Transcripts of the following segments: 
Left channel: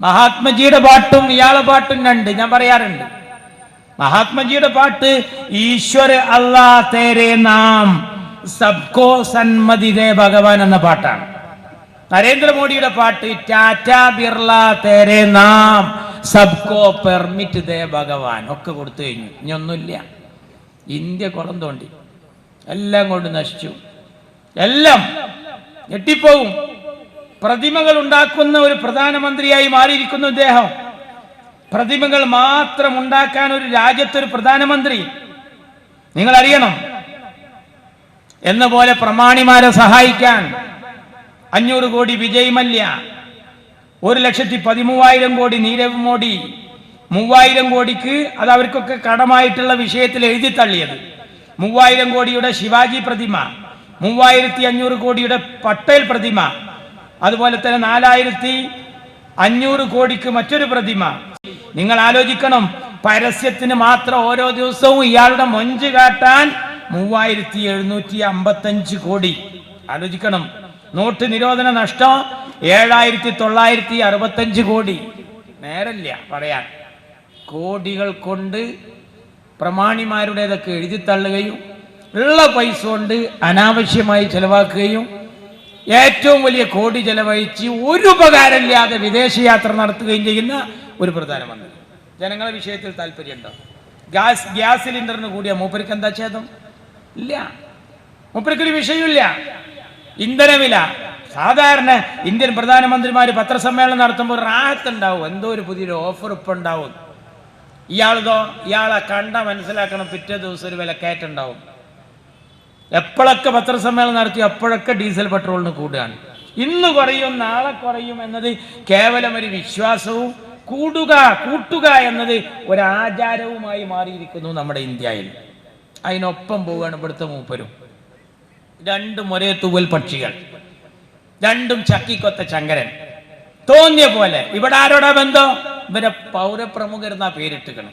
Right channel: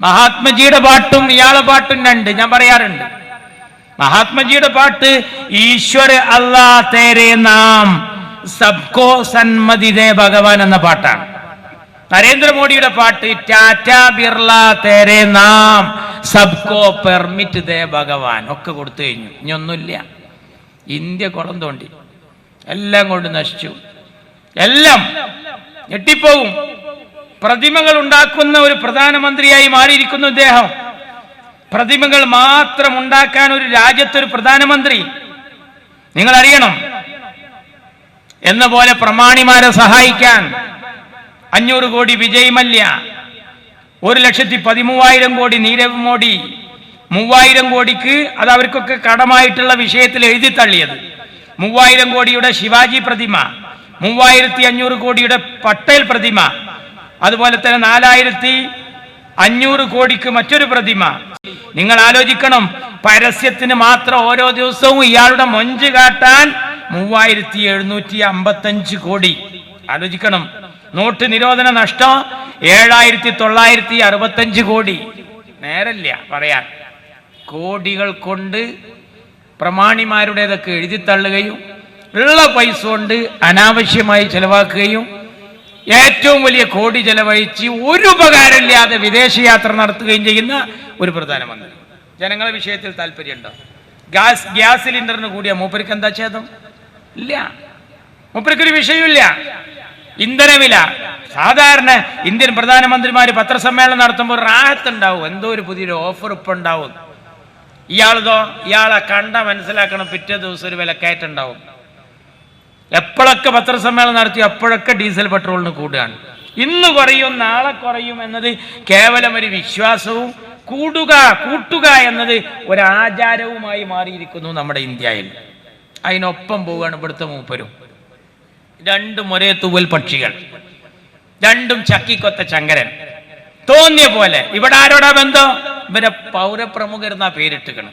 മഹാത്മജിയുടെ പാട്ടും ഇയാളെ പാട്ടും രണ്ട് ഞാൻ പറയാറുണ്ട്. മഹാത്മജിയുടെ പാട്ട് ഈശ്വര അല്ലാ തേരെ നാം സബ്കോ സന്മതി ദേ ഭഗവാൻ എന്ന പാട്ടാണ്. നരേന്ദ്രമോദിയുടെ പാട്ട് ടാറ്റ ബിർള തേരെ നാം സബ്കോ പെർമിറ്റ് ദേ ഭഗവാൻ ഒക്കെ കൊടുത്തു കഴിഞ്ഞു. ഇനി ഒന്നുമില്ല. ഇന്ത്യ കുളം തോണ്ടി. എല്ലാം കൊണ്ട് നശിച്ചു. എല്ലാം ഞെട്ടിപ്പോവും പ്രതിമകൾ ഉണ്ടാക്കുന്ന ഒരു പ്രധാനമന്ത്രിയായി മാറിയിരിക്കുന്നു ഇദ്ദേഹം. പ്രതിമകൾ മാത്രം ഉണ്ടാക്കാൻ ഒരു രാജ്യത്തൊരു പ്രധാനമന്ത്രി. നിങ്ങൾ അറിയണം എന്ന പോലെ പ്രമാണിമാരെ സഹായിക്കാൻ അഞ്ഞൂറ് കോടി വിജയ് മല്യ ഒരു ലക്ഷത്തി പതിമൂവായിരം കോടി നീരവ് മോഡി മൂവായിരം കോടിക്ക് അത് അവർക്കൊക്കെ കടമായിട്ടുള്ള വിഷയത്തിൽ എഴുതി തള്ളിയത്. മൂവായിരം കോടിയുടെ ശിവാജി പ്രതിമ മൂവായിരത്തി അഞ്ഞൂറ് കോടിയുടെ പട്ടേൽ പ്രതിമ അതുപോലെ തന്നെ നാലായിരത്തി അഞ്ഞൂറ് കോടിക്ക് മറ്റൊരു പ്രതിമ. നിങ്ങൾ ആലോചിക്കണം പരസ്യത്തിന് മാത്രം ഓരോ ദിവസവും ഇയാളുടെ മൊഞ്ച് കാട്ടാൻ മൂവായിരത്തി എഴുന്നൂറ്റി അമ്പത്തഞ്ച് കോടി. ആലോചിക്കണം നോട്ട് നിരോധന നഷ്ടം ഏഴായിരത്തി തൊള്ളായിരത്തി അറുപത്തഞ്ച് കോടി. നേരല്ല പറയാൻ. കോടികൾ കൊണ്ട് പ്രമാണിമാരുടേതൊക്കെ എഴുതി തള്ളുകയും ഉള്ള പൈസ കൊണ്ട് അനാവശ്യമായി ചെലവാക്കുകയും ഏറ്റവും വലിയ കോടി ചെലവഴിച്ച് ഒരു ഉപകാരമില്ലാതെ വിദേശയാത്ര നടത്തുകയും ചെയ്യുന്ന ഒരു പ്രധാനമന്ത്രി. ജനങ്ങളെ വിഷയത്തിൽ താല്പര്യമുണ്ടോ? ഗ്യാസ് ഗ്യാസ് സിലിണ്ടറിന് കൂടിയ മൂപ്പർക്ക് എന്താ ഛേദം? ഇല്ല. മൂപ്പർക്കൊരു വിഷയമില്ല ഇന്ധനവില. സാധാരണ ഇന്ത്യൻ പ്രധാനമന്ത്രിമാർ പത്രസമ്മേളനം നടത്തുമ്പോൾ റാഹത്തുണ്ടാവും. എന്തോ ഒരു പുതിയൊരു ഓഫർ ഇപ്പം ഉണ്ടാവും. ഇയാളതോ ഇയാളെ കണ്ട മനസ്സിലാക്കണം പിറ്റേ ദിവസം ഒരു വിലക്കയറ്റം ഉണ്ടാവും. എപ്പോഴൊക്കെ പത്രസമ്മേളനം നടത്തി അപ്പോഴൊക്കെ ഡീസൽ പെട്രോളിന് കൂടുകയാണ്. ഇന്ന് കുറയും നാളെ കുറയും എന്നത് കേവലം ഒരു വിശ്വാസവും കൂടുക കൂട്ടുക എന്നത് ഒരാചാരവുമായി മാറിയിരിക്കുന്നു നമ്മുടെ ഇന്ത്യയിൽ. അതിനൊപ്പം പോവുകയാണ് ഇവിടുത്തെ മൂപ്പരും. രണ്ടും ഒരേ തൂവൽ പക്ഷികൾ. രണ്ടും ചക്കിക്കൊത്ത ചങ്കരൻ തോന്നിയ പോലെ. ഇവിടെ ആരോടാ ബന്ധം? ഇവരെ പൗരപ്രമുഖർ എന്നാ പേരിട്ടുക്കണം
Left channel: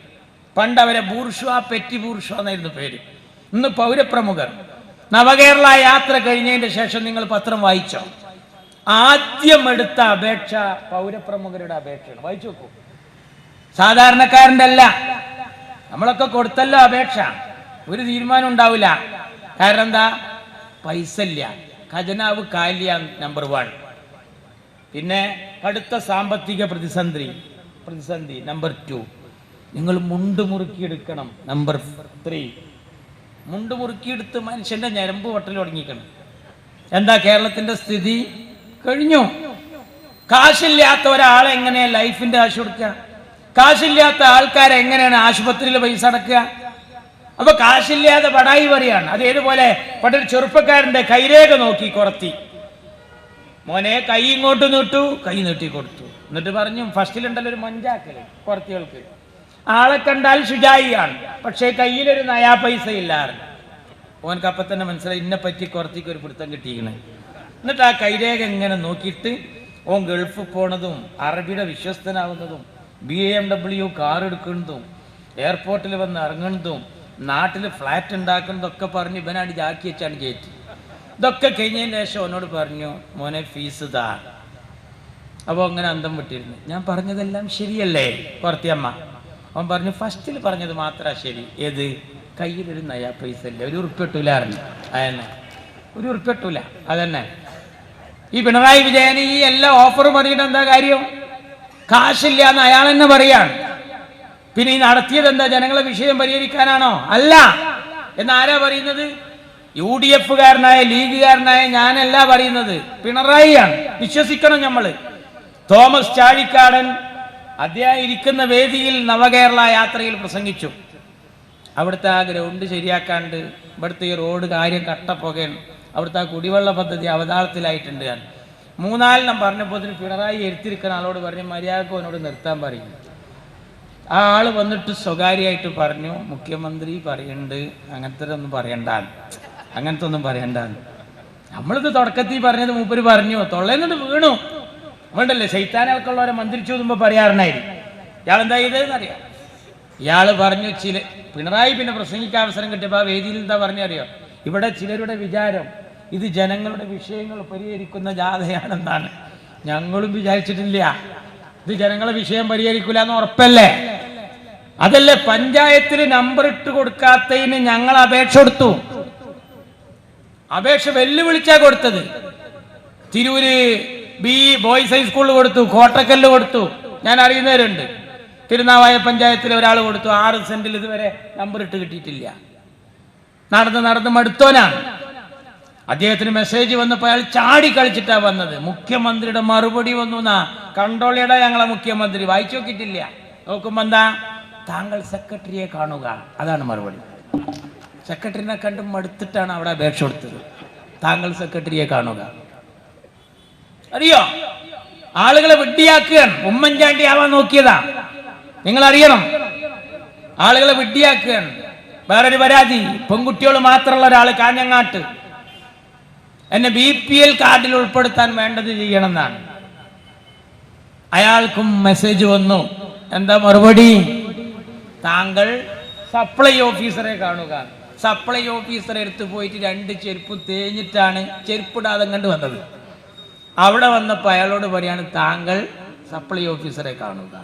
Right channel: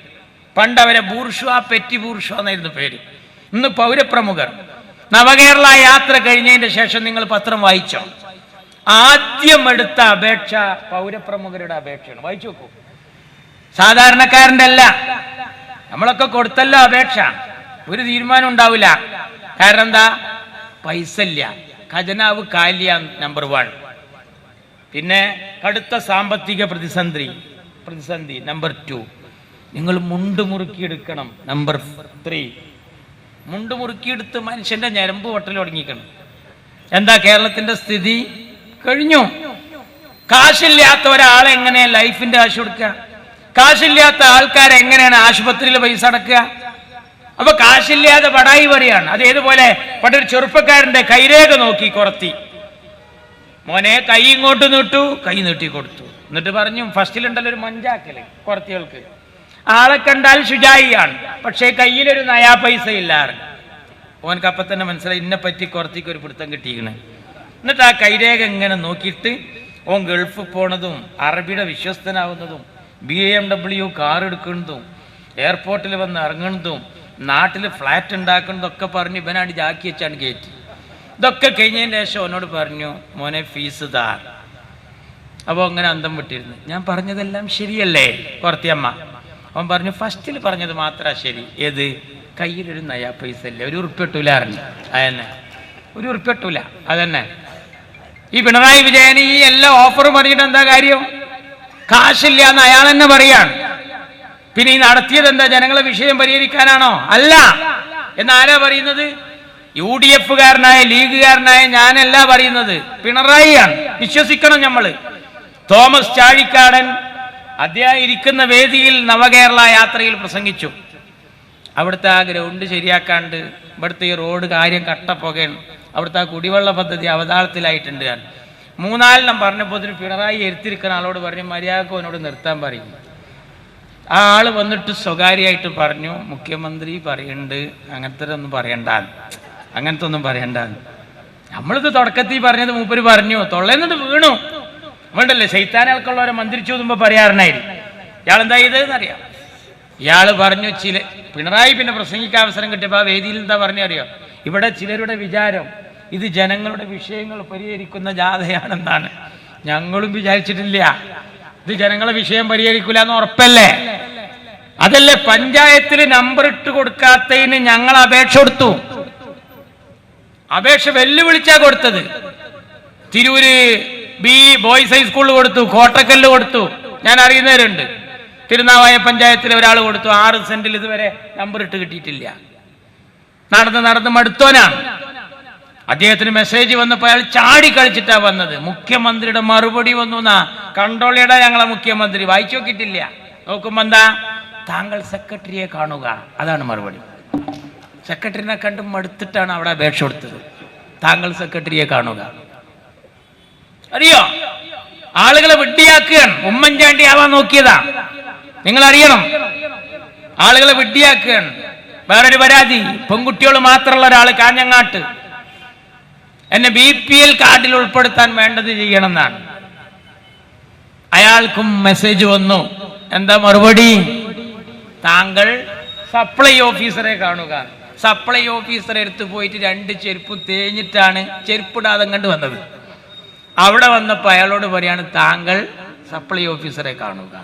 പണ്ട് അവരെ ബൂർഷ പെറ്റി ബൂർഷ എന്നായിരുന്നു പേര്. ഇന്ന് പൗരപ്രമുഖർ. നവകേരള യാത്ര കഴിഞ്ഞതിന്റെ ശേഷം നിങ്ങൾ പത്രം വായിച്ചോ? ആദ്യം എടുത്ത അപേക്ഷ പൗരപ്രമുഖരുടെ അപേക്ഷയാണ്. വായിച്ചു നോക്കൂ. സാധാരണക്കാരന്റെ അല്ല. നമ്മളൊക്കെ കൊടുത്തല്ലോ അപേക്ഷ. ഒരു തീരുമാനം ഉണ്ടാവില്ല. കാരണം എന്താ? പൈസ ഇല്ല ഖജനാവ് കാലിയ നമ്പർ വൺ. പിന്നെ കടുത്ത സാമ്പത്തിക പ്രതിസന്ധി. പ്രതിസന്ധി നമ്പർ ടു. നിങ്ങൾ മുണ്ട് മുറുക്കിയെടുക്കണം. Number three. മുണ്ട് മുറുക്കിയെടുത്ത് മനുഷ്യന്റെ ഞരമ്പ് വട്ടൽ തുടങ്ങിക്കണം എന്താ കേരളത്തിന്റെ സ്ഥിതി? കഴിഞ്ഞു. കാശില്ലാത്ത ഒരാൾ എങ്ങനെയാണ് ലൈഫിന്റെ കാശ് കൊടുക്കുക? കാശില്ലാത്ത ആൾക്കാരെ എങ്ങനെയാണ് ആശുപത്രിയിൽ പൈസ അടക്കുക? അപ്പൊ കാശില്ലാതെ പടായി പറയാണ് അത് ഏതുപോലെ? പണ്ടൊരു ചെറുപ്പക്കാരന്റെ കൈരേഖ നോക്കി കുറത്തി. മോനെ കൈ ഇങ്ങോട്ട് നീട്ടു. കൈ നീട്ടി കൊടുത്തു. എന്നിട്ട് പറഞ്ഞു ഫസ്റ്റിലുണ്ടല്ലോ ഒരു മഞ്ചാക്കൽ കുറത്തികൾക്ക് ആളെ കണ്ടാൽ ഷുജായിയാണ് പക്ഷേ കയ്യിലൊരു നയാ പൈസ ഇല്ലാറുണ്ട് ഓനക്ക് അപ്പം തന്നെ മനസ്സിലായി ഇന്നെ പറ്റി കുറത്തേക്ക് ഒരു പിടുത്തം കിട്ടിയിരിക്കണേ എന്നിട്ട് ആ കൈരേഖ ഇങ്ങനെ നോക്കിയിട്ട് ഓൻ ഗൾഫ് പോണതും അറബിയുടെ വിശ്വസ്തനാവുന്നതും ബി എം ഡബ്ല്യു കാർ എടുക്കുന്നതും എയർപോർട്ടിൽ വന്ന് ഇറങ്ങുന്നതും നാട്ടിൽ ഫ്ലാറ്റ് ഉണ്ടാക്കുന്നതൊക്കെ പറഞ്ഞ് ഇവനാണ് ജാക്കി വെച്ചാണ് കയറ്റി. ഇതൊക്കെ കഴിഞ്ഞതിന് ശേഷം അവനോട് പറഞ്ഞു മോനെ ഫീസ് താ അപ്പോൾ അങ്ങനെ അന്തം വിട്ടിരുന്നു. ഞാൻ പറഞ്ഞതെല്ലാം ശരിയല്ലേ കുറത്തിയമ്മ? അവൻ പറഞ്ഞു ഫസ്റ്റിൽ പറഞ്ഞത് മാത്രമാണ് ശരി. ഏത്? കയ്യിലൊരു നയാ പൈസ ഇല്ല ഒരു ഉറുപ്പിട്ടൂല അറിഞ്ഞു അതന്നെ. ഒരു ഉറുപ്പിട്ടൂല അതന്നെ. ഈ പിണറായി വിജയൻ ഈ എല്ലാ ഓഫറും പറഞ്ഞിട്ട് എന്താ കാര്യം? കാശില്ല എന്ന് അയാൾ തന്നെ പറയാണ്. പിന്നെ ഈ നടത്തിയത് എന്താ? ജനങ്ങളെ വിഷയം പരിഹരിക്കാനാണോ? അല്ല. എന്നാരാ പറയുന്നത്? യു ഡി എഫുകാരനായ ലീഗുകാരനായ ഞാനല്ല പറയുന്നത്. പിണറായിയാണ്. വിശ്വസിക്കണം നമ്മൾ തോമസ് ചാഴിക്കാടൻ അദ്ദേഹം ഇരിക്കുന്ന വേദിയിൽ നവകേരള യാത്രയിൽ പ്രസംഗിച്ചു. അവിടുത്തെ ആ ഗ്രൗണ്ട് ശരിയാക്കാണ്ട് ഇവിടുത്തെ ഈ റോഡ് കാര്യം കട്ടപ്പുകയാണ്. അവിടുത്തെ ആ കുടിവെള്ള പദ്ധതി അവതാളത്തിലായിട്ടുണ്ട് ഞാൻ. മൂന്നാലെണ്ണം പറഞ്ഞപ്പോൾ ഇതിന് പിണറായി എരുത്തിരിക്കുന്ന ആളോട് പറഞ്ഞു മര്യാദയ്ക്ക് അവനോട് നിർത്താൻ പറയും. ആ ആൾ വന്നിട്ട് സ്വകാര്യമായിട്ട് പറഞ്ഞു മുഖ്യമന്ത്രി പറയുന്നുണ്ട് അങ്ങനത്തെ ഒന്നും പറയണ്ട അങ്ങനത്തെ ഒന്നും പറയണ്ടാന്ന്. നമ്മളിത് തുടക്കത്തിൽ പറഞ്ഞത് മൂപ്പര് പറഞ്ഞു തൊള്ളേന്നിട്ട് വീണു. നമ്മളുണ്ടല്ലേ ശൈത്താനകൾക്കുള്ളവരെ മന്ത്രിച്ചു നോക്കുമ്പോൾ പറയാറുണ്ടായിരുന്നു. ഇയാൾ എന്താ ചെയ്തതെന്നറിയാം? ഇയാൾ പറഞ്ഞു ചില പിണറായി പിന്നെ പ്രസംഗിക്കാൻ അവസരം കിട്ടിയപ്പോൾ ആ വേദിയിൽ എന്താ പറഞ്ഞറിയോ? ഇവിടെ ചിലരുടെ വിചാരം ഇത് ജനങ്ങളുടെ വിഷയങ്ങൾ പരിഹരിക്കുന്ന ജാഥയാണെന്നാണ്. ഞങ്ങളും വിചാരിച്ചിട്ടില്ല. ഇത് ജനങ്ങളെ വിഷയം പരിഹരിക്കൂല എന്ന് ഉറപ്പല്ലേ? അതല്ലേ പഞ്ചായത്തിൽ നമ്പർ ഇട്ട് കൊടുക്കാത്തതിന് ഞങ്ങൾ അപേക്ഷ കൊടുത്തു. അപേക്ഷ വെല്ലുവിളിച്ചാ കൊടുത്തത്. തിരൂര് ബി ബോയ്സ് ഹൈസ്കൂളിൽ കൊടുത്തു കോട്ടക്കല്ല് കൊടുത്തു. ഞാൻ അറിയുന്നവരുണ്ട്. തിരുനാവായ പഞ്ചായത്തിൽ ഒരാൾ കൊടുത്തു ആറ് സെന്റിൽ ഇതുവരെ നമ്പർ ഇട്ട് കിട്ടിയിട്ടില്ല. നടന്ന് നടന്ന് മടുത്തോനാണ്. അദ്ദേഹത്തിന് മെസ്സേജ് വന്നപ്പോൾ അയാൾ ചാടി കളിച്ചിട്ടാ വന്നത്. മുഖ്യമന്ത്രിയുടെ മറുപടി വന്നു എന്നാ കണ്ടോളിയുടെ ഞങ്ങളെ മുഖ്യമന്ത്രി വായിച്ചു നോക്കിയിട്ടില്ല. നോക്കുമ്പോ എന്താ? താങ്കൾ സെക്രട്ടറിയെ കാണുക. അതാണ് മറുപടി. സെക്രട്ടറിനെ കണ്ട് മടുത്തിട്ടാണ് അവിടെ അപേക്ഷ കൊടുത്തത്. താങ്കൾ സെക്രട്ടറിയെ കാണുക. അറിയോ? ആളുകളെ വിഡ്ഢിയാക്കുകയാണ്. ഉമ്മൻചാണ്ടി ആവാൻ നോക്കിയതാ. നിങ്ങൾ അറിയണം ആളുകളെ വിഡ്ഢിയാക്കുകയാണ്. വേറൊരു പരാതി. പെൺകുട്ടികൾ മാത്രമുള്ള ഒരാൾ കാഞ്ഞങ്ങാട്ട്. എന്നെ ബി പി എൽ കാർഡിൽ ഉൾപ്പെടുത്താൻ വേണ്ടത് ചെയ്യണമെന്നാണ്. അയാൾക്കും മെസ്സേജ് വന്നു. എന്താ മറുപടി? താങ്കൾ സപ്ലൈ ഓഫീസറെ കാണുക. സപ്ലൈ ഓഫീസറെ എടുത്തു പോയിട്ട് രണ്ട് ചെരുപ്പും തേഞ്ഞിട്ടാണ് ചെരുപ്പിടാതെ കണ്ട് വന്നത്. അവിടെ വന്നപ്പോൾ അയാളോട് പറയാണ് താങ്കൾ സപ്ലൈ ഓഫീസറെ കാണുക.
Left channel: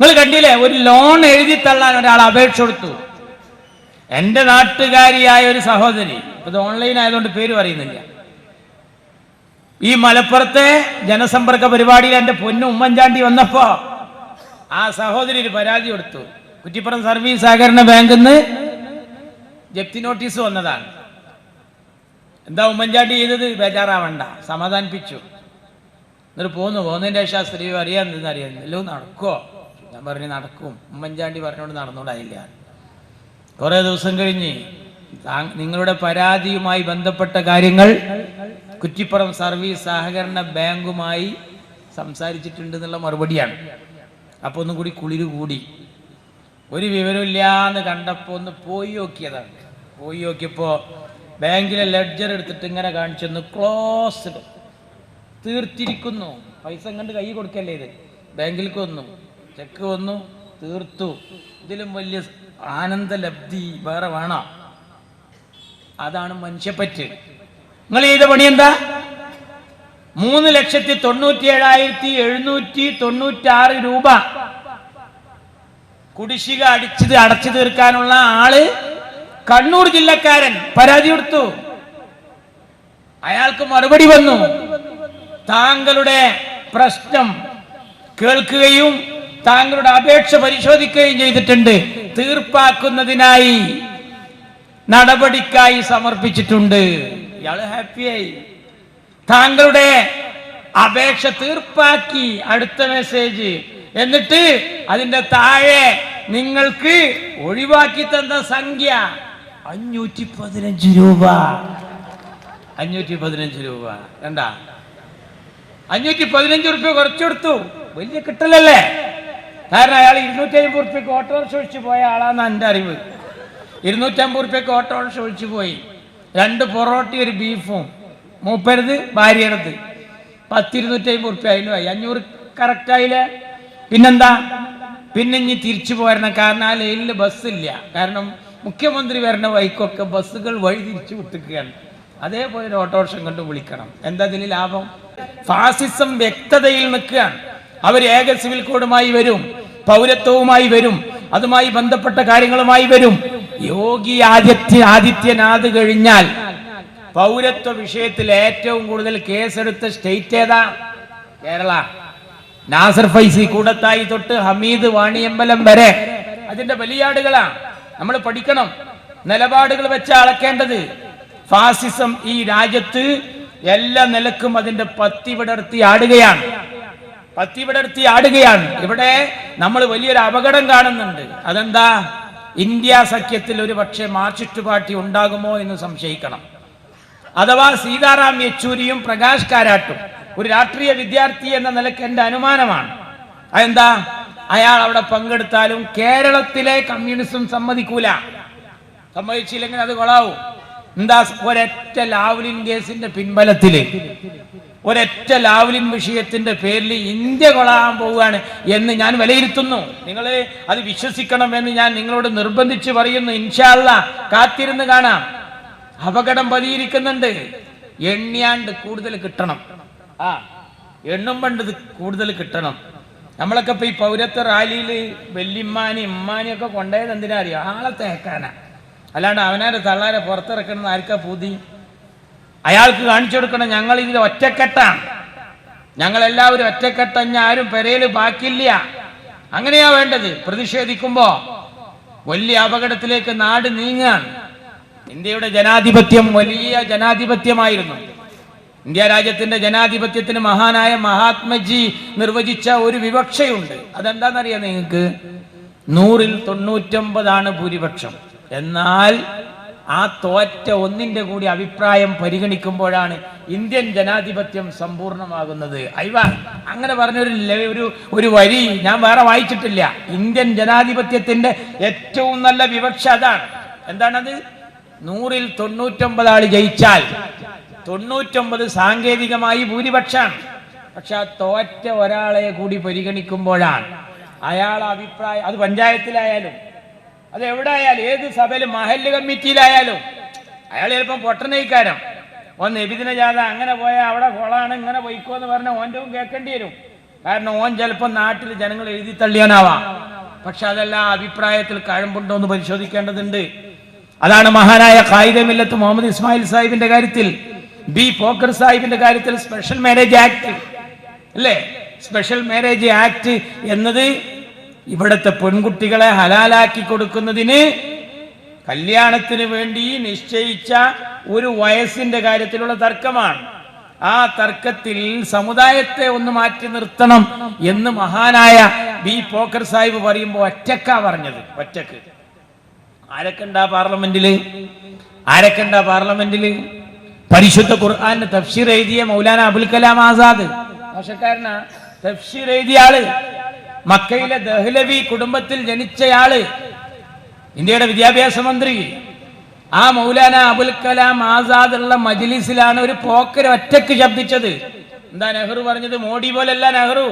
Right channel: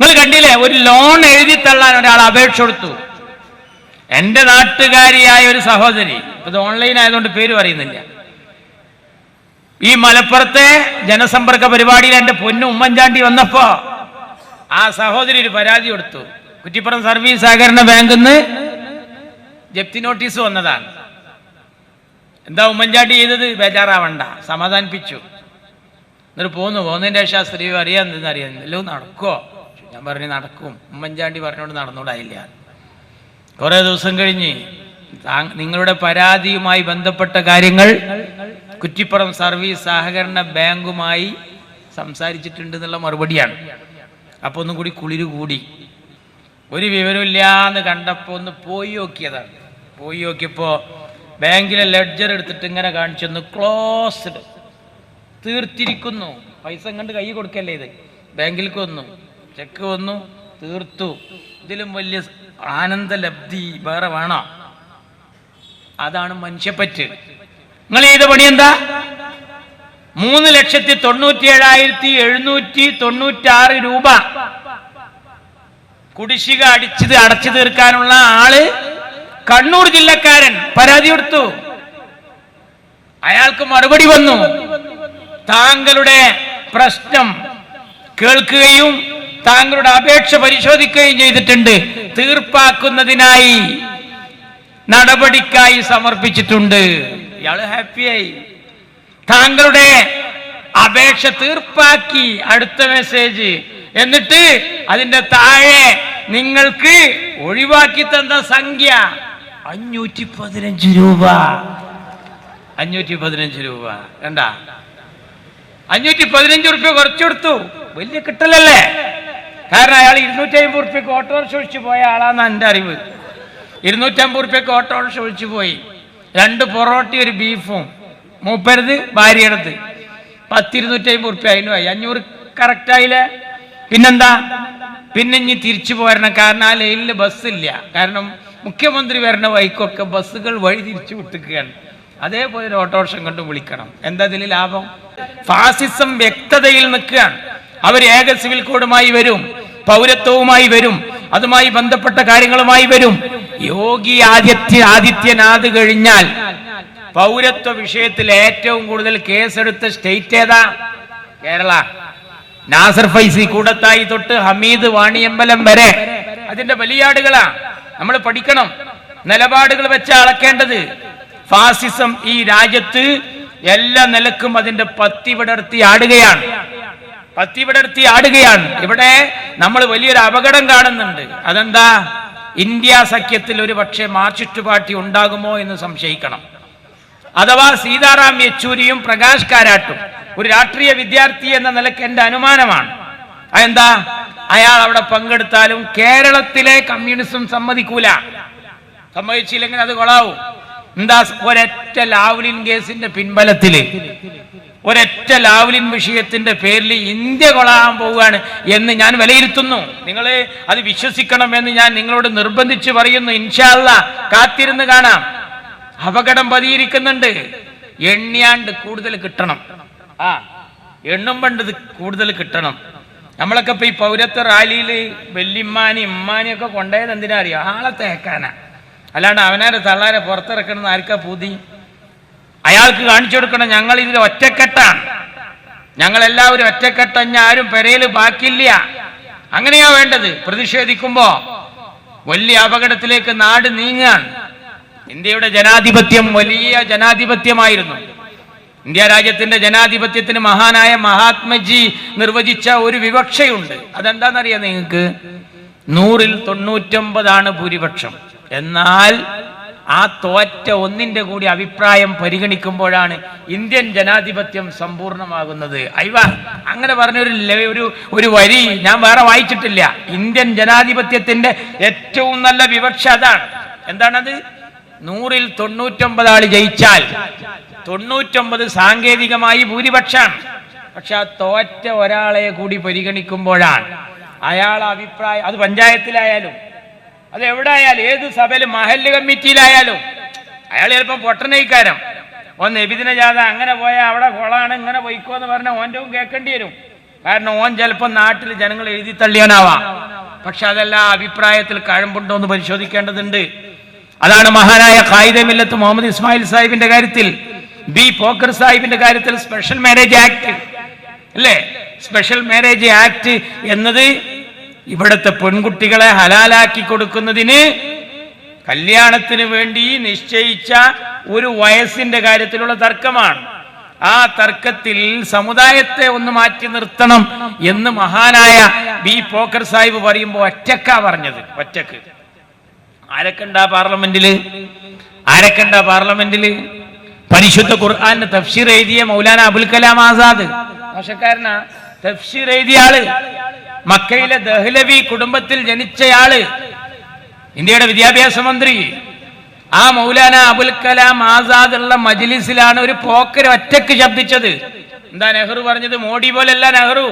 നിങ്ങൾ കണ്ടില്ലേ ഒരു ലോൺ എഴുതി തള്ളാൻ ഒരാൾ അപേക്ഷ കൊടുത്തു. എന്റെ നാട്ടുകാരിയായ ഒരു സഹോദരി ഇത് ഓൺലൈൻ ആയതുകൊണ്ട് പേര് പറയുന്നില്ല. ഈ മലപ്പുറത്തെ ജനസമ്പർക്ക പരിപാടിയിൽ എന്റെ പൊന്നു ഉമ്മൻചാണ്ടി വന്നപ്പോ ആ സഹോദരി ഒരു പരാതി കൊടുത്തു. കുറ്റിപ്പുറം സർവീസ് സഹകരണ ബാങ്കിൽ നിന്ന് ജപ്തി നോട്ടീസ് വന്നതാണ്. എന്താ ഉമ്മൻചാണ്ടി ചെയ്തത്? ബേജാറാവണ്ട. സമാധാനിപ്പിച്ചു. എന്നിട്ട് പോന്നു. പോകുന്നതിന്റെ ശേഷം ആ സ്ത്രീ അറിയാൻ അറിയാൻ എല്ലാം നടക്കുമോ ഞാൻ പറഞ്ഞു നടക്കും. ഉമ്മൻചാണ്ടി പറഞ്ഞോണ്ട് നടന്നുകൂടായില്ല കുറേ ദിവസം കഴിഞ്ഞ് നിങ്ങളുടെ പരാതിയുമായി ബന്ധപ്പെട്ട കാര്യങ്ങൾ കുറ്റിപ്പുറം സർവീസ് സഹകരണ ബാങ്കുമായി സംസാരിച്ചിട്ടുണ്ട് എന്നുള്ള മറുപടിയാണ്. അപ്പോൾ ഒന്നും കൂടി കുളിര് കൂടി. ഒരു വിവരമില്ലാന്ന് കണ്ടപ്പോൾ ഒന്ന് പോയി നോക്കിയതാണ്. പോയി നോക്കിയപ്പോൾ ബാങ്കിലെ ലെഡ്ജർ എടുത്തിട്ട് ഇങ്ങനെ കാണിച്ചൊന്ന് ക്ലോസ്ഡ് തീർത്തിരിക്കുന്നു. പൈസ കണ്ട് കൈ കൊടുക്കല്ലേ ഇത്? ബാങ്കിലേക്ക് വന്നു ചെക്ക് വന്നു തീർത്തു. ഇതിലും വലിയ ആനന്ദലബ്ധി വേറെ വേണോ? അതാണ് മനുഷ്യപ്പറ്റ്. നിങ്ങൾ ചെയ്ത പണി എന്താ? മൂന്ന് ലക്ഷത്തി തൊണ്ണൂറ്റി ഏഴായിരത്തി എഴുന്നൂറ്റി തൊണ്ണൂറ്റാറ് രൂപ. കുടിശ്ശിക അടിച്ചത് അടച്ചു തീർക്കാനുള്ള ആൾ കണ്ണൂർ ജില്ലക്കാരൻ പരാതി കൊടുത്തു. അയാൾക്ക് മറുപടി വന്നു. താങ്കളുടെ പ്രശ്നം കേൾക്കുകയും താങ്കളുടെ അപേക്ഷ പരിശോധിക്കുകയും ചെയ്തിട്ടുണ്ട്. തീർപ്പാക്കുന്നതിനായി നടപടിക്കായി സമർപ്പിച്ചിട്ടുണ്ട്. ഇയാൾ ഹാപ്പിയായി. താങ്കളുടെ അപേക്ഷ തീർപ്പാക്കി അടുത്ത മെസ്സേജ്. എന്നിട്ട് അതിന്റെ താഴെ നിങ്ങൾക്ക് ഒഴിവാക്കി തന്ന സംഖ്യ അഞ്ഞൂറ്റി പതിനഞ്ച് രൂപ. അഞ്ഞൂറ്റി പതിനഞ്ച് രൂപ. കണ്ടാ? അഞ്ഞൂറ്റി പതിനഞ്ച് റുപ്യ കുറച്ചു കൊടുത്തു വലിയ കിട്ടലല്ലേ? കാരണം അയാൾ ഇരുന്നൂറ്റി അമ്പത് റുപ്യക്ക് ഓട്ടോറിക്ഷ ഒഴിച്ചു പോയ ആളാന്ന് എന്റെ അറിവ്. ഇരുന്നൂറ്റമ്പത് റുപ്യക്ക് ഓട്ടോറിക്ഷ ഒഴിച്ചു പോയി. രണ്ട് പൊറോട്ടയും ഒരു ബീഫും. മൂപ്പരുത് ഭാര്യയുടേത്. പത്തിരുന്നൂറ്റി അമ്പത് റുപ്യ പോയി അഞ്ഞൂറ് കറക്റ്റ് ആയില്ലേ? പിന്നെന്താ? പിന്നെ ഇനി തിരിച്ചു പോരണം. കാരണം ആ ലൈനിൽ ബസ്സില്ല. കാരണം മുഖ്യമന്ത്രി വരുന്ന വഴിക്കൊക്കെ ബസ്സുകൾ വഴി തിരിച്ചു വിട്ടുകയാണ് അതേപോലെ ഒരു ഓട്ടോറിക്ഷം കൊണ്ട് വിളിക്കണം. എന്താ ഇതിൽ ലാഭം? ഫാസിസം വ്യക്തതയിൽ നിൽക്കുകയാണ്. അവർ ഏക സിവിൽ കോഡുമായി വരും പൗരത്വവുമായി വരും അതുമായി ബന്ധപ്പെട്ട കാര്യങ്ങളുമായി വരും. യോഗി ആദിത്യ ആദിത്യനാഥ് കഴിഞ്ഞാൽ പൗരത്വ വിഷയത്തിൽ ഏറ്റവും കൂടുതൽ കേസെടുത്ത സ്റ്റേറ്റ് ഏതാ? കേരള. നാസർ ഫൈസി കൂടത്തായി തൊട്ട് ഹമീദ് വാണിയമ്പലം വരെ. അതിന്റെ ബലിയാടുകളാ. നമ്മൾ പഠിക്കണം. നിലപാടുകൾ വെച്ച് അളക്കേണ്ടത് ഫാസിസം ഈ രാജ്യത്ത് എല്ലാ നിലക്കും അതിന്റെ പത്തി വിടർത്തി ആടുകയാണ്. പത്തി വിടർത്തി ആടുകയാണ്. ഇവിടെ നമ്മൾ വലിയൊരു അപകടം കാണുന്നുണ്ട്. അതെന്താ? ഇന്ത്യ സഖ്യത്തിൽ ഒരു പക്ഷേ മാർക്സിസ്റ്റ് പാർട്ടി ഉണ്ടാകുമോ എന്ന് സംശയിക്കണം. അഥവാ സീതാറാം യെച്ചൂരിയും പ്രകാശ് കാരാട്ടും ഒരു രാഷ്ട്രീയ വിദ്യാർത്ഥി എന്ന നിലയ്ക്ക് എന്റെ അനുമാനമാണ്. അതെന്താ? അയാൾ അവിടെ പങ്കെടുത്താലും കേരളത്തിലെ കമ്മ്യൂണിസം സമ്മതിക്കൂല. സമ്മതിച്ചില്ലെങ്കിൽ അത് കൊളാവും. എന്താ ഒരൊറ്റ ലാവ്ലിൻ കേസിന്റെ പിൻബലത്തിൽ? ഒരൊറ്റ ലാവ്ലിൻ വിഷയത്തിന്റെ പേരിൽ ഇന്ത്യ കൊളാൻ പോവുകയാണ് എന്ന് ഞാൻ വിലയിരുത്തുന്നു. നിങ്ങൾ അത് വിശ്വസിക്കണം എന്ന് ഞാൻ നിങ്ങളോട് നിർബന്ധിച്ച് പറയുന്നു. ഇൻഷാല്ല കാത്തിരുന്ന് കാണാം. അപകടം പതിയിരിക്കുന്നുണ്ട്. എണ്ണിയാണ്ട് കൂടുതൽ കിട്ടണം. ആ എണ്ണും പണ്ടത് കൂടുതൽ കിട്ടണം. നമ്മളൊക്കെ ഇപ്പൊ ഈ പൗരത്വ റാലിയിൽ വെല്ലിമ്മാനി ഇമ്മാനി ഒക്കെ കൊണ്ടുപോയത് എന്തിനാ അറിയോ? ആളെ തേക്കാനാ. അല്ലാണ്ട് അവനാരെ തള്ളാരെ പുറത്തിറക്കണമെന്ന് ആർക്കാ പൂതി? അയാൾക്ക് കാണിച്ചു കൊടുക്കണം ഞങ്ങൾ ഇതിൽ ഒറ്റക്കെട്ടാണ്. ഞങ്ങളെല്ലാവരും ഒറ്റക്കെട്ടഞ്ഞ ആരും പെരയിൽ ബാക്കില്ല അങ്ങനെയാ വേണ്ടത്. പ്രതിഷേധിക്കുമ്പോ വലിയ അപകടത്തിലേക്ക് നാട് നീങ്ങാൻ ഇന്ത്യയുടെ ജനാധിപത്യം വലിയ ജനാധിപത്യമായിരുന്നു. ഇന്ത്യ രാജ്യത്തിന്റെ ജനാധിപത്യത്തിന് മഹാനായ മഹാത്മജി നിർവചിച്ച ഒരു വിവക്ഷയുണ്ട്. അതെന്താണെന്നറിയാം നിങ്ങൾക്ക്? നൂറിൽ തൊണ്ണൂറ്റൊമ്പതാണ് ഭൂരിപക്ഷം. എന്നാൽ ആ തോറ്റ ഒന്നിന്റെ കൂടി അഭിപ്രായം പരിഗണിക്കുമ്പോഴാണ് ഇന്ത്യൻ ജനാധിപത്യം സമ്പൂർണമാകുന്നത് അയ്വ അങ്ങനെ പറഞ്ഞൊരു ഒരു ഒരു വരി ഞാൻ വേറെ വായിച്ചിട്ടില്ല. ഇന്ത്യൻ ജനാധിപത്യത്തിന്റെ ഏറ്റവും നല്ല വിവക്ഷ അതാണ്. എന്താണത്? നൂറിൽ തൊണ്ണൂറ്റൊമ്പത് ആൾ ജയിച്ചാൽ തൊണ്ണൂറ്റൊമ്പത് സാങ്കേതികമായി ഭൂരിപക്ഷമാണ് പക്ഷെ ആ തോറ്റ ഒരാളെ കൂടി പരിഗണിക്കുമ്പോഴാണ് അയാൾ അഭിപ്രായം അത് പഞ്ചായത്തിലായാലും അത് എവിടെ ആയാലും ഏത് സഭയിലും മഹല്ല് കമ്മിറ്റിയിലായാലും അയാൾ ചിലപ്പം പൊട്ടനയിക്കാരം ഓൻ നബിദിന ജാഥ അങ്ങനെ പോയാൽ അവിടെ കൊളാണ് ഇങ്ങനെ പോയിക്കോ എന്ന് പറഞ്ഞാൽ ഓന്റെ കേൾക്കേണ്ടി വരും. കാരണം ഓൻ ചിലപ്പോൾ നാട്ടിൽ ജനങ്ങൾ എഴുതി തള്ളിയാനാവാം പക്ഷെ അതെല്ലാം അഭിപ്രായത്തിൽ കഴമ്പുണ്ടോ എന്ന് പരിശോധിക്കേണ്ടതുണ്ട്. അതാണ് മഹാനായ ഖായിദമില്ലത്ത് മുഹമ്മദ് ഇസ്മായിൽ സാഹിബിന്റെ കാര്യത്തിൽ ബി പോക്കർ സാഹിബിന്റെ കാര്യത്തിൽ സ്പെഷ്യൽ മാരേജ് ആക്ട് അല്ലേ? സ്പെഷ്യൽ മാരേജ് ആക്ട് എന്നത് ഇവിടുത്തെ പെൺകുട്ടികളെ ഹലാലാക്കി കൊടുക്കുന്നതിന് കല്യാണത്തിന് വേണ്ടി നിശ്ചയിച്ച ഒരു വയസ്സിന്റെ കാര്യത്തിലുള്ള തർക്കമാണ്. ആ തർക്കത്തിൽ സമുദായത്തെ ഒന്ന് മാറ്റി നിർത്തണം എന്ന് മഹാനായ ബി പോക്കർ സാഹിബ് പറയുമ്പോൾ ഒറ്റക്കാ പറഞ്ഞത്. ഒറ്റയ്ക്ക്. ആരൊക്കെ ഉണ്ടാ പാർലമെന്റിൽ? ആരൊക്കെ ഉണ്ടാ പാർലമെന്റിൽ? പരിശുദ്ധ ഖുർആാന്റെ തഫ്സീർ എഴുതിയ മൗലാന അബുൽ കലാം ആസാദ്. മോശക്കാരനാ തഫ്സീർ എഴുതിയ ആൾ. മക്കയിലെ ദഹ്ലവി കുടുംബത്തിൽ ജനിച്ചയാൾ ഇന്ത്യയുടെ വിദ്യാഭ്യാസ മന്ത്രി. ആ മൗലാന അബുൽ കലാം ആസാദ് ഉള്ള മജ്ലിസിലാണ് ഒരു പോക്കർ ഒറ്റയ്ക്ക് ശബ്ദിച്ചത്. എന്താ നെഹ്റു പറഞ്ഞത്? മോഡി പോലല്ല നെഹ്റു.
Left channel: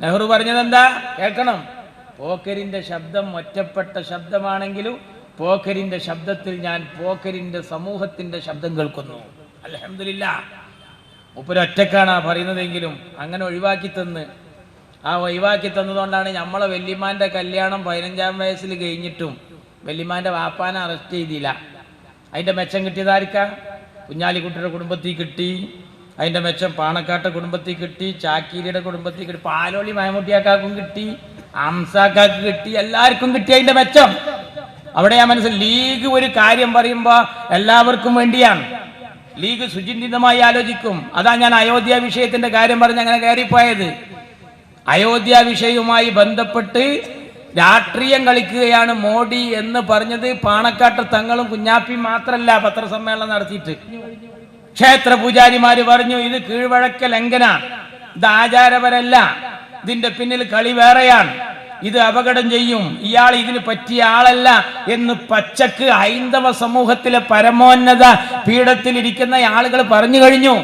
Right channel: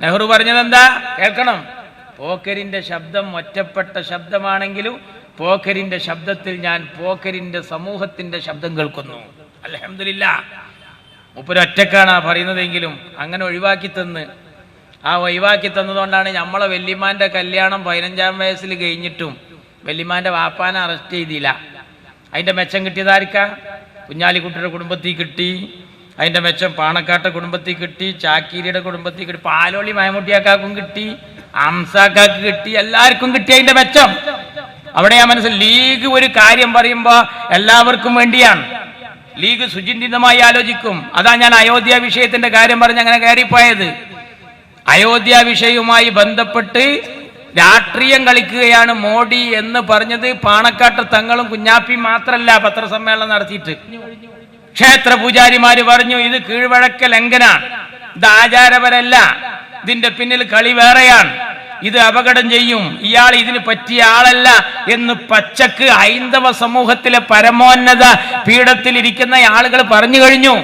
നെഹ്റു പറഞ്ഞത് എന്താ? കേൾക്കണം. പോക്കരിന്റെ ശബ്ദം ഒറ്റപ്പെട്ട ശബ്ദമാണെങ്കിലും പോക്കരിന്റെ ശബ്ദത്തിൽ ഞാൻ പോക്കരിന്റെ സമൂഹത്തിന്റെ ശബ്ദം കേൾക്കുന്നു. അലഹമില്ല മുപ്പരൊറ്റക്കാണ് ആ പറയുന്നതെങ്കിലും അങ്ങനെ ഒഴിവാക്കി തന്ന്. ആ ഒഴിവാക്കി തന്നതുകൊണ്ടാണ് നമ്മളെ വല്യമാന്റെ കല്യാണം പതിനഞ്ചാം വയസ്സിൽ കഴിഞ്ഞിട്ടും വല്യമാന്റെ വാപ്പാനെ അറസ്റ്റ് ചെയ്തില്ല. അതിന്റെ മെച്ചം കിട്ടിയതായിരിക്ക കുഞ്ഞാലിക്കുട്ടിയുടെ കുടുംബത്തിൽ കിട്ടി. അതിന്റെ മെച്ചം പാണക്കാട്ടെ കുടുംബത്തിൽ കിട്ടി. ചാക്കീരിയുടെ കുടുംബത്തിൽ കിട്ടി. പാലോളി മയമുട്ടിയാക്കാക്കും കിട്ടി. അംസാക്കാക്ക് കിട്ടി. എല്ലാവർക്കും കിട്ടി അതിന്റെ മെച്ചം. അവിടെ ആ മനസ്സിൽ ലീഗ് ഒരു കാര്യം പറയുമ്പോൾ എല്ലാവർക്കും വേണ്ടിയാണ്. ലീഗ് സുചിന്തിതമായി ആലോചിക്കും. അതാ ഞാൻ അയോധ്യ വിഷയത്തിന്റെ കാര്യം പറഞ്ഞ് അങ്ങനെ കയറിപ്പോയത്. അയോധ്യ വിഷയവുമായി ബന്ധപ്പെട്ട് രാഷ്ട്രീയം കളിക്കുകയാണ് മോഡി എന്ന് പറഞ്ഞത് പാണക്കാട്ട് തങ്ങളും കുഞ്ഞാപ്പിയും മാത്രമല്ല പത്രസമ്മേളനം നടത്തിയിട്ട്. ക്ഷേത്ര പൂജാരിമാര് പറഞ്ഞു ഇത് കീഴ്വഴക്ക ലംഘനാണ് ഇത് ആചാരപരല്ല. ഇതിന്റെ പിന്നിൽ കളി വേറെയാണ്. ഇത് അപകടം ചെയ്യും. ഇയാൾ ഇതിന് പറ്റിയ ആളല്ല എന്ന് പച്ചക്ക് ഹൈന്ദവ സമൂഹത്തിലെ പരമോന്നത പീഠത്തിലിരിക്കുന്ന ആളുകൾ പറഞ്ഞു കഴിഞ്ഞു.